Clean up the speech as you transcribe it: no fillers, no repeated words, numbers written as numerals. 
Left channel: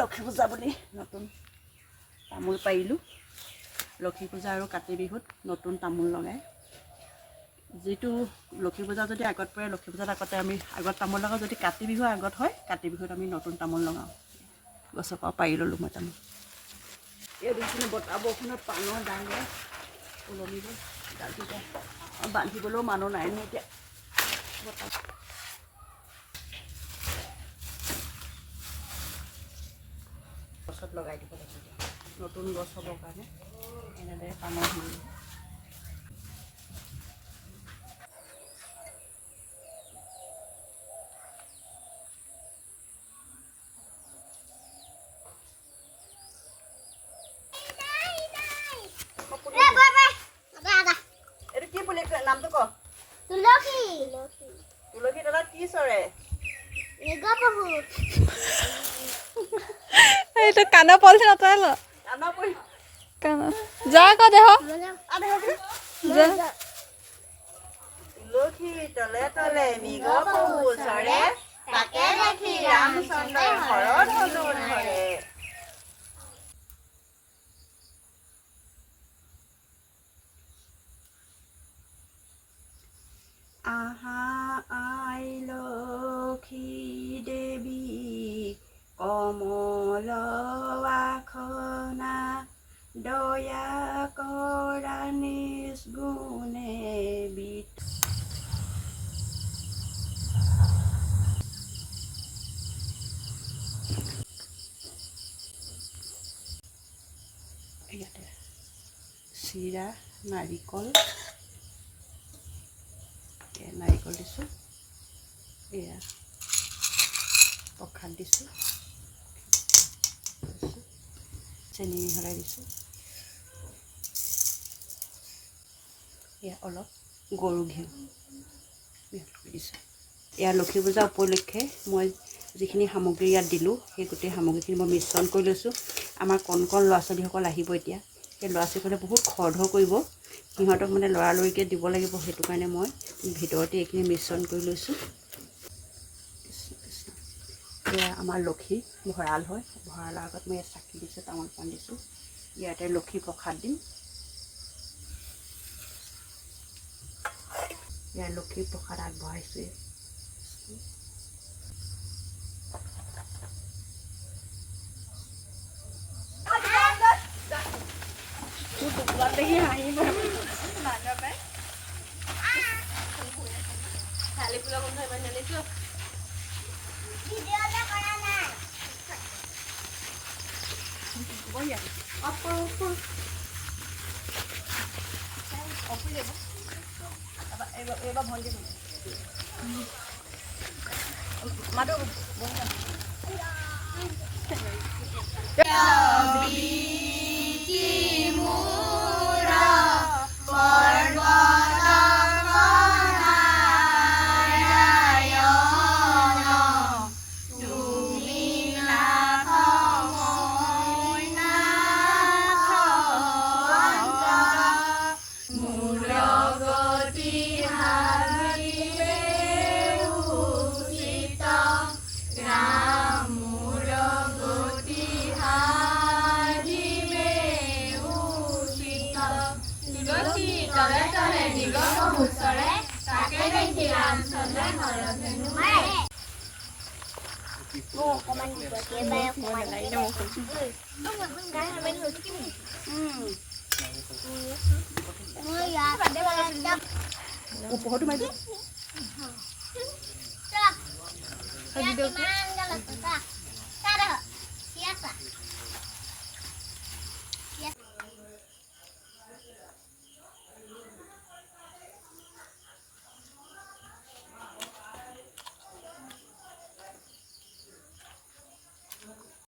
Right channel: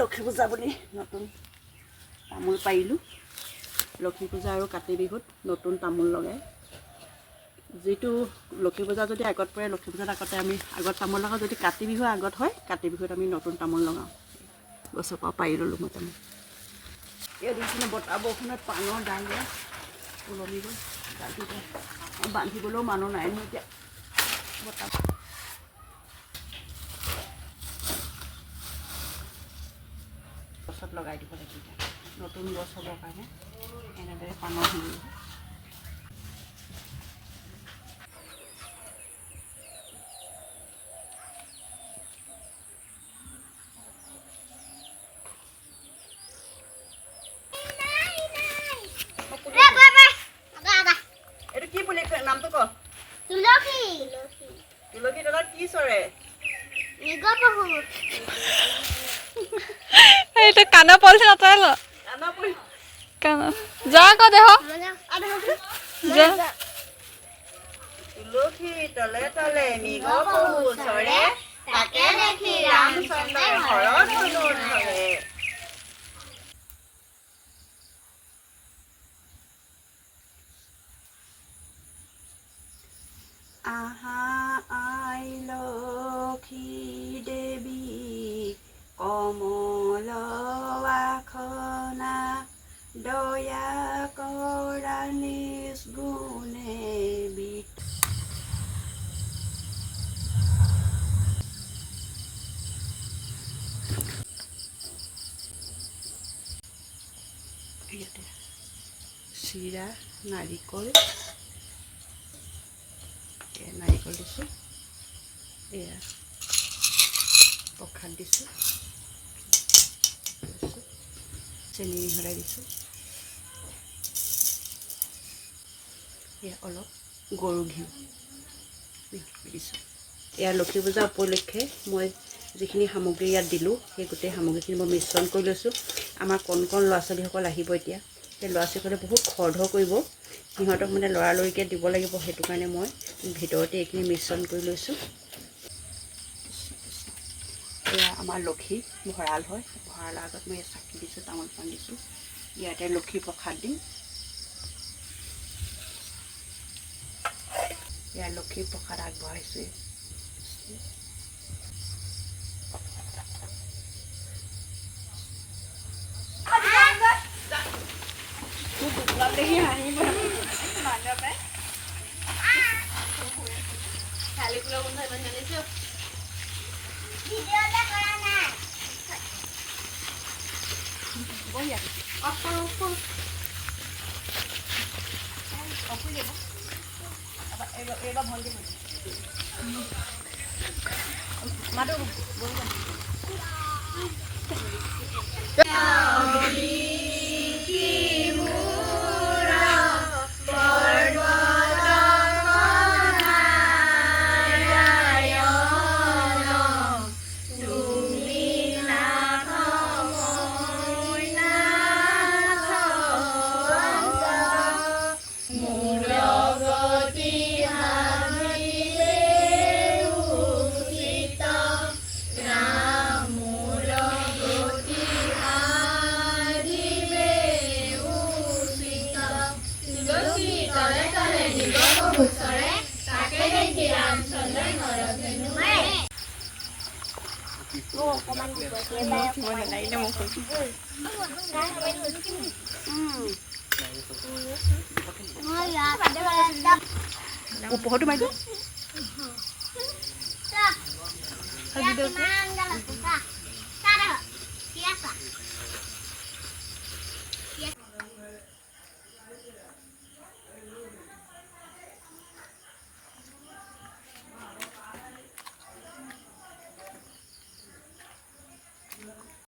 লক্ষী পূজা বুলি নতুন তামোল পাৰিলোঁ লক্ষী পূজা আৰু কাতি বিহুত নতুন তামোল লগাই যিটো লক্ষী পূজা যদি আগত পৰে লক্ষী পূজাৰ আগতে আমি আগত তামোল লগাওঁ যদি কাতি বিহু আগত হয় কাতি বিহুত আমি নতুন তামোল লগাওঁ গছৰ পৰা পাৰি ল'লোঁ মই তামোল এই দুখিনি বতাহ বৰষুণত পাণৰ ডাঙৰ ওলমি গ'ল ডালকেইটা বান্ধিবলৈও মানুহ নাই নহয় এতিয়া গছত লগাই দিব লাগিব এতিয়া নতুন গছ হ'বৰ কাৰণে এনেদৰে পাণৰ হেৰি এইটো কি বুলি নামটো ক তুলসী তুলসী তলত কি চৰে এইটো কাণৰ পলিথিন আঁতৰাই ল কাণৰ যা আকৌ দেহ তুলসী তলে তলে মৃগ পহু চৰে তাকে দেখি ৰামচন্দ্ৰ ঘৰত ধনুৰ ধৰে আহা আই লক্ষী দেৱী কমল আখনা দয়া কৰা নিষ্গুণে ইয়াতে চিৰা নাৰিকল নাৰিকল দিছোঁ এয়া প্ৰসাদ দিছোঁ চেনি মিহলাই দিছোঁ এয়া অলপ গৰু ঘিউ দিছোঁ এয়া লক্ষী পূজা উপলক্ষে মই যিখিনি সামগ্ৰী ইয়াত দিলোঁ সেই গোটেই সামগ্ৰীখিনি মই মিশ্ৰণ কৰি লৈছোঁ আমাৰ কণ কণ ল'ৰা ছোৱালীসকল আহিব এতিয়া সেই ল'ৰা ছোৱালীসকলে বহুত খৰধৰ কৰিব সিহঁতক মানে লৰালৰিকৈ দিব লাগিব সেইটো কাৰণে মই ভিতৰতে এইখিনি মিশ্ৰণ কৰি লৈছোঁ এয়া আমাৰ লক্ষী ভঁৰাল হয় ভঁৰালৰ আগত মই চাকি দিছোঁ তামোল পাণ দিছোঁ ইয়াতে লক্ষী প্ৰসাদ দিম ইয়াৰ লক্ষী প্ৰসাদ আগবঢ়াইছোঁ দেখি হাঁহিব খালি ফুলৰ গোন্ধ ইমান মেলিছোঁ এইবাৰ ভণ্টি মাতো উপৰতো মাৰি